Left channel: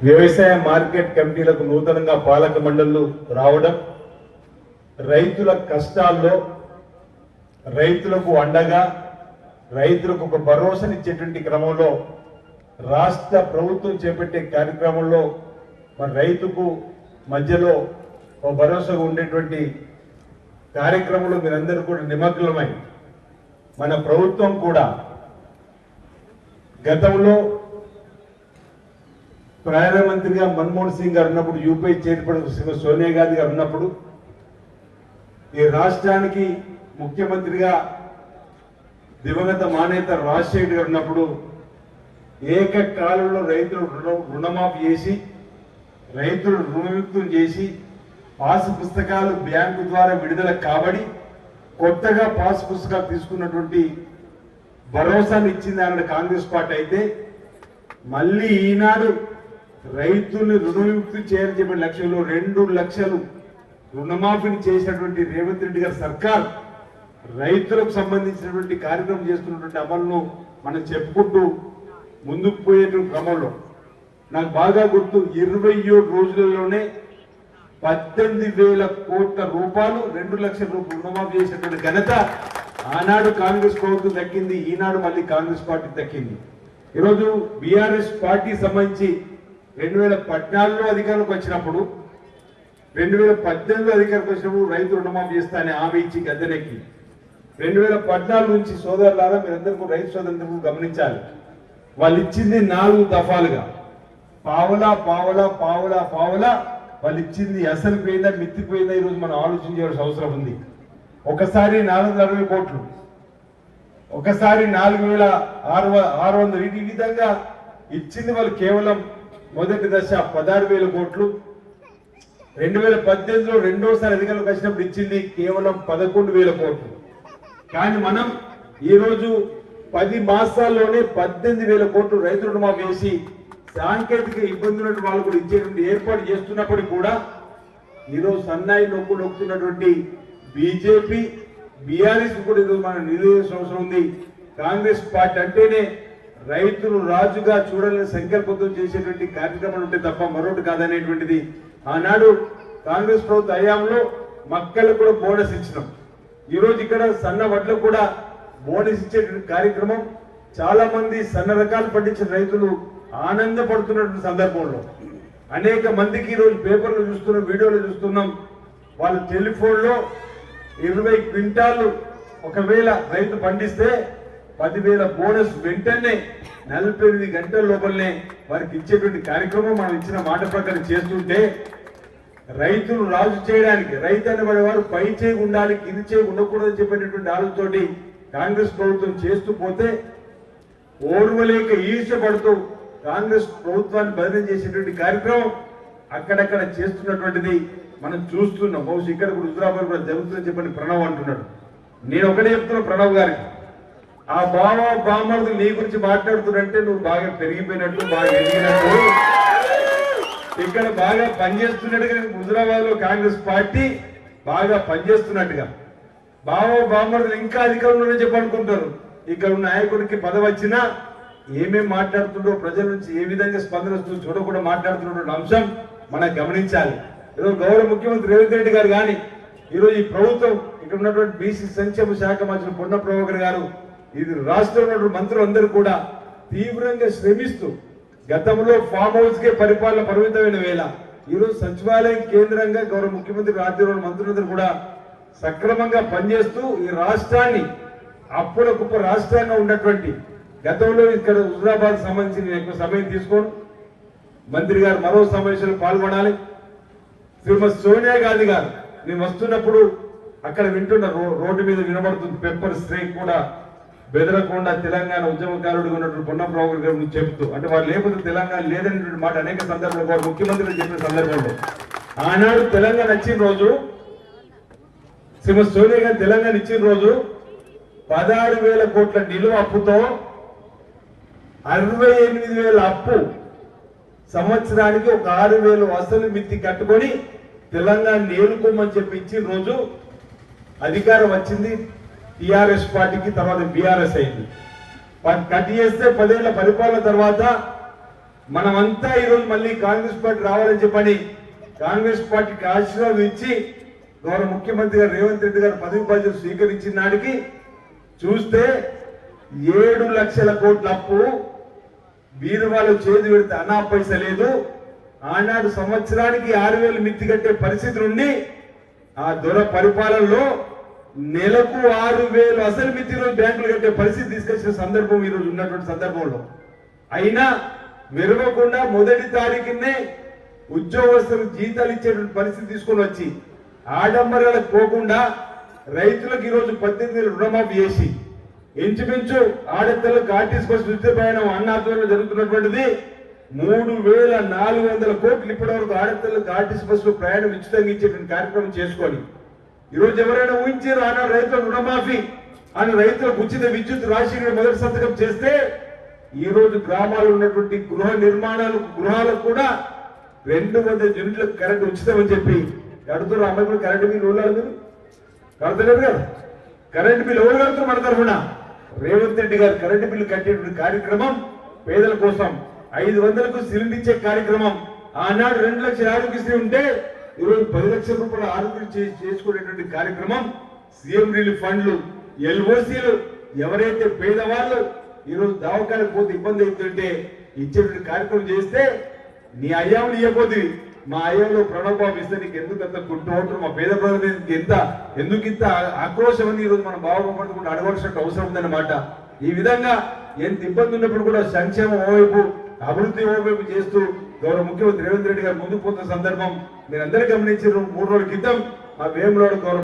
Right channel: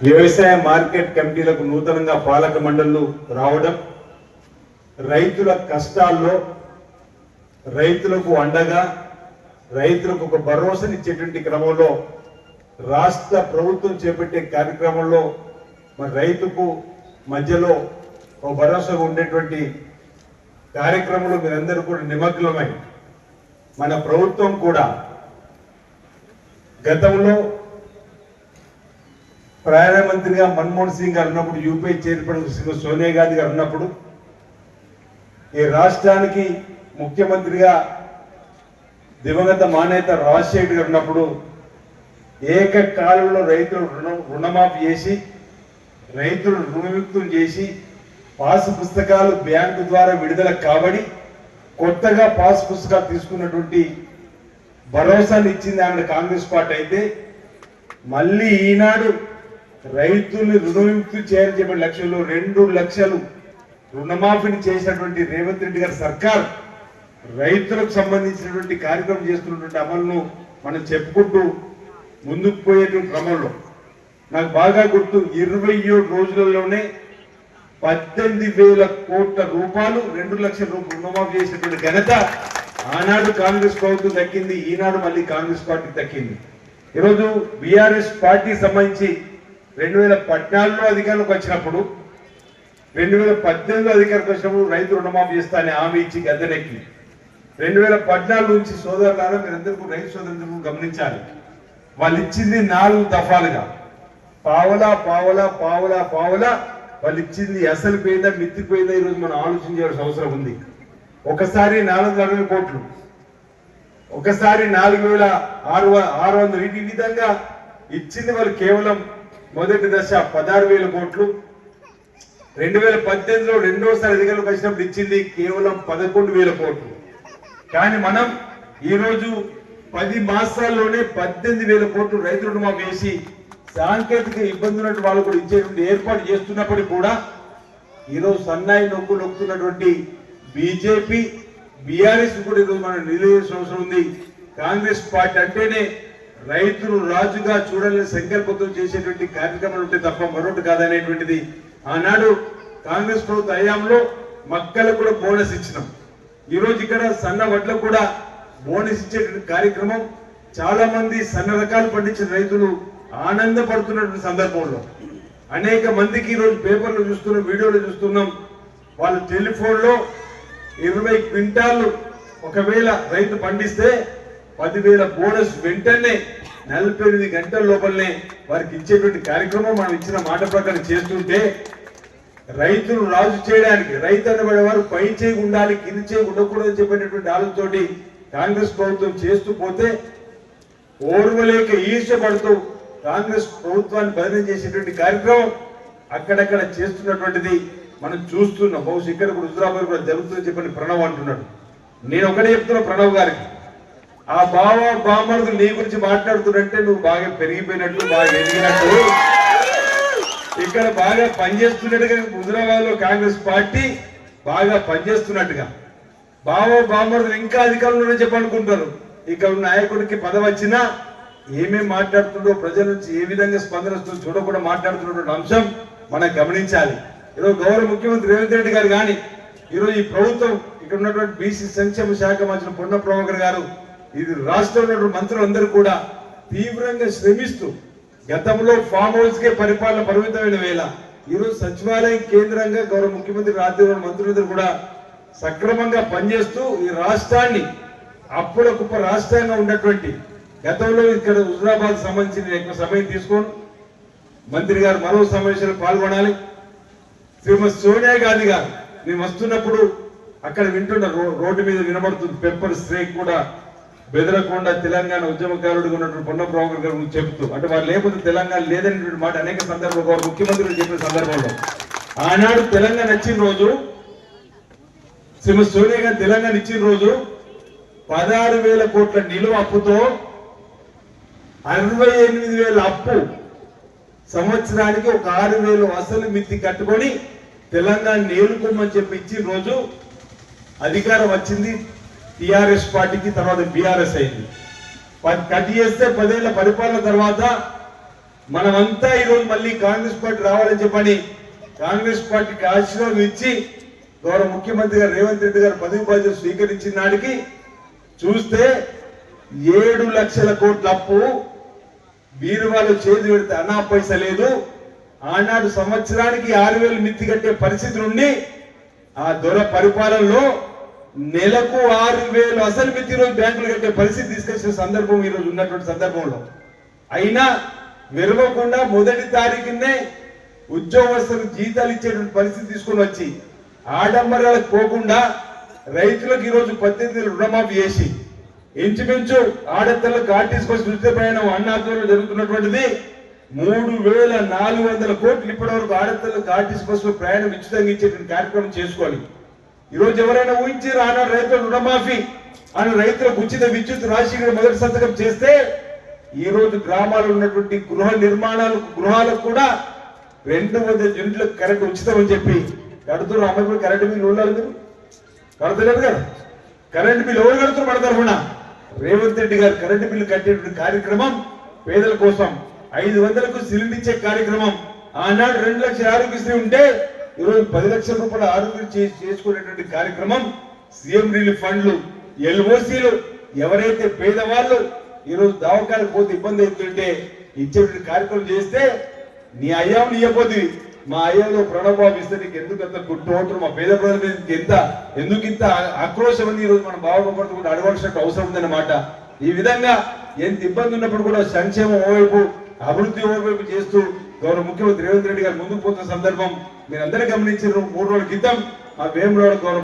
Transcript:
వ్యవసాయ మార్కెట్ కమిటీలకు నూతనంగా పాలక మండళ్ళు రావడం రైతుల కష్టాల్లో రైతులకు అండగా రైతులకు ఒక భరోసానిచ్చేటువంటి క్రమంలో రాష్ట్ర ప్రభుత్వం చేపట్టే కార్యక్రమంలో మన రైతుకు మధ్యలో ఒక భరోసా ఉండేటువంటి కార్యక్రమంలో మీరందరూ కూడా నిమగ్నమై మన ప్రభుత్వం కూడా గతంలో ప్రధానమంత్రిగా మన్మోహన్ సింగ్ గారు ఉన్నప్పుడు యూపీఐ చైర్పర్సన్ శ్రీమతి సోనియా గాంధీ గారు ఉన్నప్పుడు ఈ రాష్ట్రానికి ముఖ్యమంత్రిగా దివంగత మానేత రాజశేఖర్ గారు ఉన్నప్పుడు ఏకకాలంలో రైతులు రుణ రుణమాఫీ చేసి రైతులు రుణవిముక్తులు చేసి పాస్ పుస్తకాలు బ్యాంకు ద్వారా విడుదల కాబడి కొత్తగా పాస్ పుస్తకాలు తీసుకున్నటువంటి భరోసాని ఇచ్చింది ఆమె కాంగ్రెస్ పార్టీ అయితే మళ్ళీ ఈనాడు రైతుల్ని రుణవిముక్తి చేయాలని చెప్పిన లక్ష్యంలో రెండు లక్షలు రుణమాఫీని చేసినటువంటి రేవంత్ రెడ్డి గారి సర్కార్ రైతులకు సంబంధించినటువంటి కార్యక్రమం చేస్తున్నటువంటి అమలును మనం చెప్పుకుంటూ ముందుకు పోయేటువంటి క్రమంలో. నాకు బాగా గుర్తు ఇరవై ఏడు రోజులలోనే పద్దెనిమిది వేల కోట్ల రూపాయలు రెండు లక్షల రూపాయలు రుణమాఫీ చేసినటువంటి ఘనత ఆనాడు కాంగ్రెస్ ప్రభుత్వం దక్కింది ఈనాడు మళ్ళీ కాంగ్రెస్ పార్టీ దక్కింది. ఈరోజు బీఆర్ఎస్ పార్టీ సంబంధించి రెండు వేల పద్నాలుగులో అధికారంలోకి వచ్చినప్పుడు రెండు వేల పద్దెనిమిదిలో అధికారంలోకి వచ్చినప్పుడు రైతు రుణమాఫీ చేస్తానని హామీ ఇచ్చి గద్దెనెక్కి రెండు వేల పద్నాలుగు నుంచి సోదరులారా మీరందరూ రైతు సోదరులకు గమనించాలి. వాళ్ళు ఇచ్చింది నాలుగు దఫాలుగా. పావలా పావలా పావలా పావలా వాళ్ళు ఇచ్చింది అసలు పోయిందా మిత్తిపోయిందా ఈరోజు మనం ఆలోచించాల్సిన అవసరం ఉంది. ఒకసారి నాలుగు వందల అరవై కోట్లు. ఒకసారి నాలుగు వేల ఆరు ఆరు వందలు. ఈ విధంగా ఇచ్చింది వాళ్ళు కేవలం మొదటి దశ పదహారు వేల కోట్లు రెండు వేల పద్దెనిమిదిలో రెండోసారి అధికారులకు వచ్చినప్పుడు ఇచ్చింది కేవలం పదకొండు వేల కోట్లు కానీ మనం ఈరోజు పది మాసాల్లోనే పద్దెనిమిది వేల కోట్లు రైతు రుణమాఫీ వేసి సాంకేతిక ఇబ్బందులు వాళ్ళు కూడా ఇచ్చేటువంటి ఏర్పాటు చేస్తున్నప్పటికీ కూడా ఈరోజు సన్నాయి నొక్కు నొక్కుతున్నటువంటి బీజేపీ బీఆర్ఎస్ కూడా ఈరోజు మనం నిలదీసిన అవసరం ఉంది. కాంగ్రెస్ పార్టీ అంటేనే రైతులు రాజుగా చూడాలని సంకల్పంతో చేసేటువంటి కార్యక్రమాలు ఉంటే తప్ప మరొకటి కాదనేటువంటిది ఆనాడు కాంగ్రెస్ ప్రభుత్వ హయాంలో మక్కలకు కూడా బోనస్ ఇచ్చినాం. ఈరోజు ఇక్కడ సన్న వడ్లకు కూడా బోనస్ ఇచ్చేటువంటి కార్యక్రమం చాలా మంది సన్న రకాలు పండించిన రైతులు ఆనందపడుతున్నటువంటి సందర్భంలో. అనేక మందికి ఈ రోజు పేపర్లు చూస్తున్నాం వీడియోలు చూస్తున్నాం. వాళ్ళు టెలిఫోన్లో ఇరవై క్వింటాలు ఒకవేళ రైతు పండిస్తే పదివేల బోనస్ వెంటనే నలభై ఎనిమిది గంటల లోపలనే వారికి ఇచ్చేటువంటి కార్యక్రమం మనం ఇచ్చిన మాట ప్రకారం చేస్తుంటే రైతులు రాజు చేయడానికి రైతు అనేవాడు వారు పై చేయి ఉండాలి కింది చేయి ఉండకూడదని చెప్పినటువంటి ఆలోచనతోటి కాంగ్రెస్ ప్రభుత్వం చేస్తూ పోతే ఓర్వలేక ఈర్షపడుతూ కాంగ్రెస్ ప్రభుత్వాన్ని బదిలీ చేసేటువంటి కార్యక్రమం అక్కడక్కడ చేస్తున్నటువంటిది మనం చూస్తున్నాం. బహుశా ఇక్కడ కూడా కూడా జరుగుతుందని చెప్పని ప్రణవ్ అంటున్నాడు. నేను ఒకటే చెప్తున్నా ప్రణవ్ గారికి. ఆ బావ బామరుదులు నీ గురించి మాట్లాడుతున్నట్టే నువ్వు బాగా పెరిగిపోయినట్టు బాగా ఎదిగినట్టు. ఇక్కడ బాగా పనిచేస్తున్నట్టుగా హుజరాబాద్లో కాంగ్రెస్ పార్టీ బాగా పనిచేస్తున్నట్టుగా. బావో బామరుదులు ఇంకా అధికారంలోనే చెప్పనుకుంటారు. ఇక్కడ ఉన్న నాయకుడికి పదవి వచ్చినా ఏమేమి మాట్లాడుతుండో ప్రజల నుంచి ఏ విధంగా స్పందన చూడకుండా మాట్లాడుతున్నటువంటి అంశం మనం గమనించాలి. ఈరోజు గౌరవ ముఖ్యమంత్రి రేవంత్ రెడ్డి గారు కానీ ఈరోజు ఈ ప్రభుత్వం ఇక్కడ ఉన్నటువంటి బీసీ సంక్షేమ శాఖ మంత్రి పొన్న ప్రభాకర్ గారు ఇది రాష్ట్రంలో మంత్రులందరూ కూడా తీవ్రంగా శ్రమిస్తూ గతంలో ఫామ్ హౌస్ కే పరిపాలన పరిమితమైన వేళ ఈరోజు సచివాలయం కేంద్రంగా గౌరవ ముఖ్యమంత్రి రాజ్యంలో మంత్రులందరూ కూడా సక్రమంగా పనిచేస్తూ ఈ రాష్ట్రాన్ని అప్పుల కుప్ప రాష్ట్రంగా ఉన్నటువంటి గతంలో ఇక్కడ హుజరాబాద్ సంబంధించి నేను ఎక్కువ సమయం తీసుకోను మంత్రి గారు మరో సమావేశంలో పాల్గొనాలి. శ్రీమతి సోనియా గాంధీ గారు మేము వస్తున్నప్పుడు అక్కడ వింటున్న రోడ్డు మీద వినబడుతుంది పెప్పర్ స్ట్రైక్ కూడా బెదరకొండ తెలంగాణ ఉద్యమకారుడు ఉన్నటువంటి పొన్న ప్రభాకర్ గారు చెప్తూ అంటే వారు లేకపోతే తెలంగాణ లేదనేటువంటి మాట అనేక సందర్భంలో ముఖ్యమంత్రి చెప్పిన సందర్భంలో ఆనాడు తెలంగాణ వచ్చిన రోజు శ్రీమతి సోనియా గారు తెలంగాణ ఇచ్చిన రోజు పదహారు వేల కోట్ల నిలువ అప్పుతో అరవై ఎనిమిది వేల అప్పు సంవత్సరానికి ఒక ఆరు వేలు అసలు మిత్తి కట్టుకొని తెలంగాణ నేలుకోమని చెప్పి ఇచ్చిన రోజు అధికారం వచ్చింది. టిఆర్ఎస్ పార్టీకి తర్వాత బీఆర్ఎస్ అయింది. ప- కట్ చేస్తే పదేళ్ళ పరిపాలన తర్వాత మనమంతా ఈరోజు మళ్ళీ కాంగ్రెస్ పార్టీ రావాలని చెప్పని కాంగ్రెస్ పార్టీకి ఆశీర్వాదం ఇచ్చి గౌరవ ముఖ్యమంత్రి గారు రేవంత్ రెడ్డి గారు పదవి బాధ్యత స్వీకరించిన నాటికి చూస్తే ఏడు లక్షల కోట్ల అప్పు బీరువాలో చేతి పెడితే అనా పైస లేదు. ఆనాడు సంవత్సరానికి ఆరు వేలు మిత్తి కట్టే పరిస్థితి నుండి ఆ దొర పరిపాలనలో నెలకు ఆరు వేలు అసలు మిత్తి రోజు బ్యాంకులు కట్టే పరిస్థితి తీసుకొచ్చిన సందర్భం ఈ రోజు ఉన్నటువంటి సందర్భంలో. అయినా విరవకుండా మొదటి తారీఖునే ఉద్యోగస్తులకు జీతాలు ఇచ్చేటువంటి పరిస్థితి తీసుకొని వచ్చి ఆడంబరాలకు పోకుండా రైతులకు ఈరోజు పద్దెనిమిది రుణమాఫీ చేసి ఇంచుమించు ఆడపిల్లలకు ఆర్టీసీ బస్సు ఉచిత ప్రయాణం అన్నాధ్వర్యంలో జరుగుతున్నటువంటిది మూడు వేల నాలుగు వందల కోట్లు ఇప్పటి వరకు ఆడపిల్లలకు ఆర్టీసీ బస్సులో ప్రయాణం ఉచితంగా ఇచ్చేటువంటి కార్యక్రమం చేసుకోవాలి ఈ రోజు ఎవరైనా ఊహించి ఆనాడు రైతుల రుణమాఫీ అని రైతులకు ఉచిత విద్యుత్ రాశి మొదటి సంతకం చేస్తే ఈ రోజు గ్రామాల్లో ఉన్నటువంటి గృహ నిర్మాణాలు గృహాలకు కూడా రెండు వందల యూనిట్లకు కరెంట్ ఉచితం అని చెప్పి కడుతున్నారు. అన్నప్పుడు కరెంటు బిల్లు ఉండాలి కడతలేరు కదా. కరెంట్ బిల్లు ఎవరు కడుతున్నారు మన తరఫున? రేవంత్ రెడ్డి గారు కరెంటు బిల్లు కట్టేటువంటి కార్యక్రమం పేదల కోసం ఐదు వందలకు సిలిండర్ ఇచ్చే కార్యక్రమం. ఆనాడు రెండు లక్షల ఆరోగ్యశ్రీ ఉంటే ఈరోజు పది లక్షల రూపాయల ఆరోగ్యం చేసుకునేటువంటి కార్యక్రమం సీఎం రిలీఫ్ ఫండ్లు ఎల్ఓసీలు ఎవరైతే పేదవాళ్ళు ఈరోజు దవాఖానకు పోతే ఇబ్బంది అవుతుంటే ఇచ్చేటువంటి కార్యక్రమం చేస్తే నీ అయ్యాములు ఇవ్వబోతుంది మా అయ్యంలో ప్రణవబాబు ఇస్తే నీకు ఎందుకు అంత గుర్తు మా పేద ప్రజల మీద ఎంత ఎందుకు ఇంత ఆక్రోశం ఉంది ఈ రోజు మన బాబు కూడా అడగవలసిన అవసరం ఉందన్నమాట. ఈ విధంగా ఎంత ఇబ్బంది ఉన్నప్పుడు కూడా సంక్షేమం ఓవైపు అభివృద్ధి ఓవైపు చేస్తూ గౌరవ ముఖ్యమంత్రి రేవంత్ రెడ్డి గారు ముందుకు పోతున్న సందర్భం మీరందరూ గమనించారు. మూడు రోజుల క్రితం ఆ వేములోడ గౌరవ